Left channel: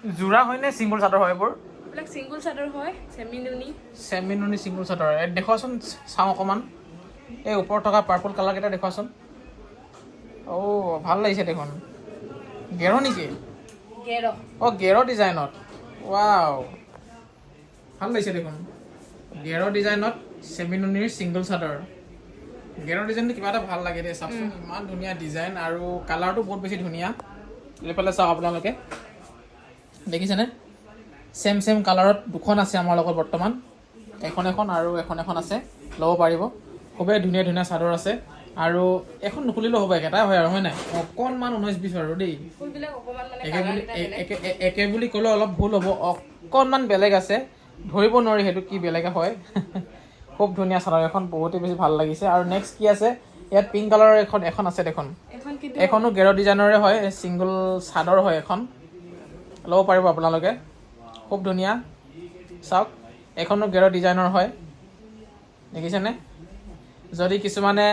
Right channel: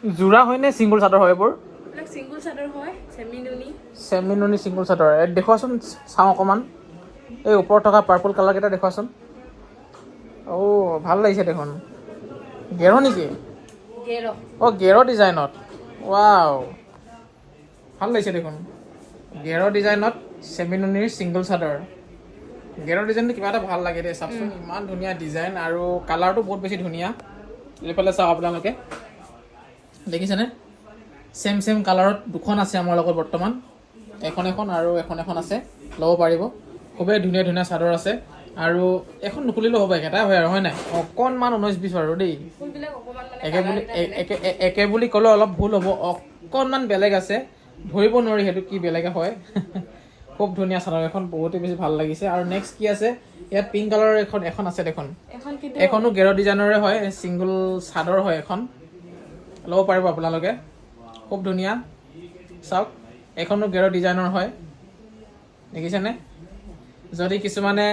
জোৰা হয় নে সিঙ্গল চাদৰ হয় এইবোৰ এইবিলাক সিঙ্গল চাদৰ হয় সেমি নুনি সিঙ্গল চাদৰ দেখুৱাচোন চাওঁ অকণমান এই ওপৰত থকা পাৰ্পল কালাৰ কেইটা দেখুৱাচোন ভাল লাগিছে দেখোন গেৰ নেকি গেৰ ডিজাইনত ৱাও ভাল লাগিছে দেখোন গেৰ ডিজাইনত সেমি নুনিৰ সিঙ্গল চাদৰ গেৰ ডিজাইনটো কিবা এটা ভাল লাগে দেই চাওকচোন ইমান ধুনীয়া ডিজাইন আৰু কালাৰটো বহুত বেছি ধুনীয়া এইফালে চাওক আপোনালোকে দেখিছেনে সেম কালাৰত দুখন আছে আমাৰ লগত বৰ্তমান এখন আৰু এখন আছে ল'ব পাৰিব খুবেই ধুনীয়া ধুনীয়া চাদৰ আছে আৰু এখন নুখুলিলেও হ'ব একেটাই হয় আৰু হয় নাই অকণমান 19-20 আৰু দেই একে বুলি ক'লে অলপ ভুল হ'ব অকণমান বেলেগ আছে ধৰিব নোৱাৰি সেইটো কি বেলেগে হয় খুব ধুনীয়া চাদৰ এখন বহুতেই বেছি ভাল লাগিছে আৰু নেক্সট কি আছে ইয়াত পিংক কালাৰৰ এখন আছে দেখোন এখনো গেৰ ডিজাইনৰে হয় ছিংগল চাদৰ হয় এখন ল'ব পাৰিব আপোনালোকে খুব ধুনীয়া চাওক এখনো গেৰ ডিজাইনৰ হয় দেখিছেনে যদি কিছুমানে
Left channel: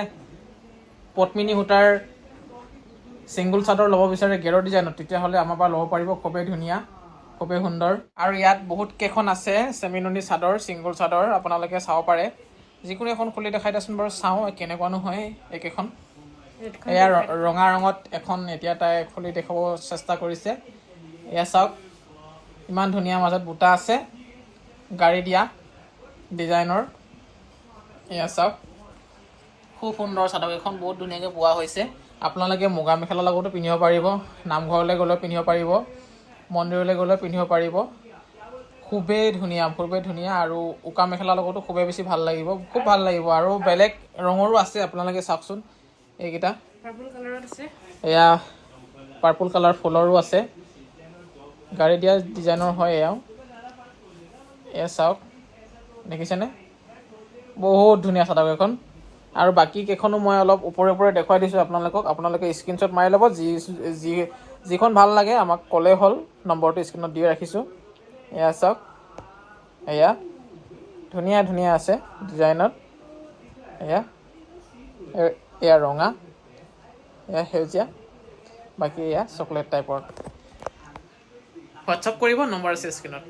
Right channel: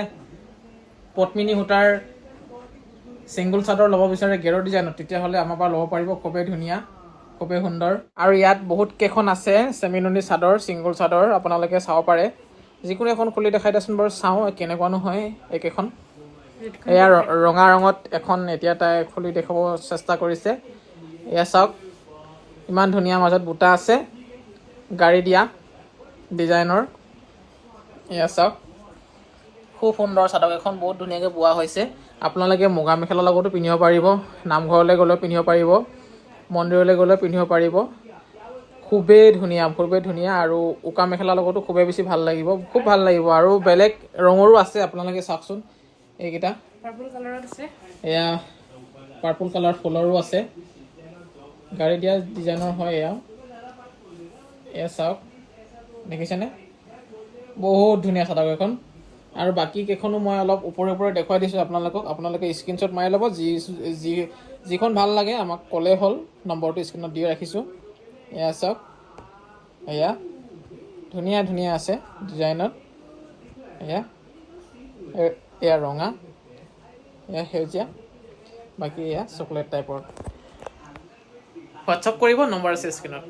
পদ্মিনী সূতাৰ ছিংগল চাদৰ ল'ব বিচাৰে গেৰ ডিজাইনত তেতিয়াহ'লে আমাৰ পৰা ল'ব পাৰিব খুবেই ধুনীয়া খুবেই সুন্দৰ আৰু ইয়াত বহুত কেইখন আছে ছেমি নুনি চাদৰ ছিংগল চাদৰ আপোনালোকে চাব পাৰে যিকোনো এখন খুলি দেখাই দিয়াচোন বাৰু চাওঁ কেনেকুৱানো হয় এইকেইখন এয়া ৰঙা ৰঙত এখন এতিয়া তাই খুলি দেখাব চেষ্টা কৰিছে এয়া চাওক ইমান ধুনীয়া মাজত বুটা আছে গাড়ী দিয়া ডিজাইনৰ এয়া চাওক খুব সুন্দৰ চাদৰ এখন বহুত ধুনীয়াকৈ বোৱা হৈছে আপোনালোকে মুগা মেখেলাৰ লগতো পিন্ধিব পাৰিব নামঘৰলৈ গ'লেও পিন্ধিব পাৰিব মন্দিৰলৈ গ'লেও পিন্ধিব পাৰিব খুবেই ধুনীয়া আৰু উকা মেখেলাৰ লগতো খুবেই বেছি ভাল লাগিব খুব ভাল লাগিব আৰু বেলেগ ৰঙৰো আছে আপোনালোকে চাওকচোন এইকেইটা পাৰ্পল কালাৰত আছে এয়া পাৰ্পল কালাৰ ফুলৰো আছে গাড়ী দিয়া ডিজাইনৰ হয় এয়া চাওক দেখিছেনে বহুত ধুনীয়া চাদৰ এখন আৰু বাকী কেইখনো মই অলপ ওপৰে দেখুৱাই দিছোঁ আপোনালোকে স্ক্ৰীনশ্বট মাৰি ল'ব যিখন ভাল লাগে আমাক ক'লেই হ'ল নম্বৰটো স্ক্ৰীনত দি ৰাখিছোঁ এয়া চাওক এয়া ধুনীয়া আছে ডিজাইনত এয়া ৰঙা এয়া সেউজীয়া বাকী এয়া চকলেট টাইপৰ হোৱাটছআপ কৰিব নম্বৰ আছে স্ক্ৰীনত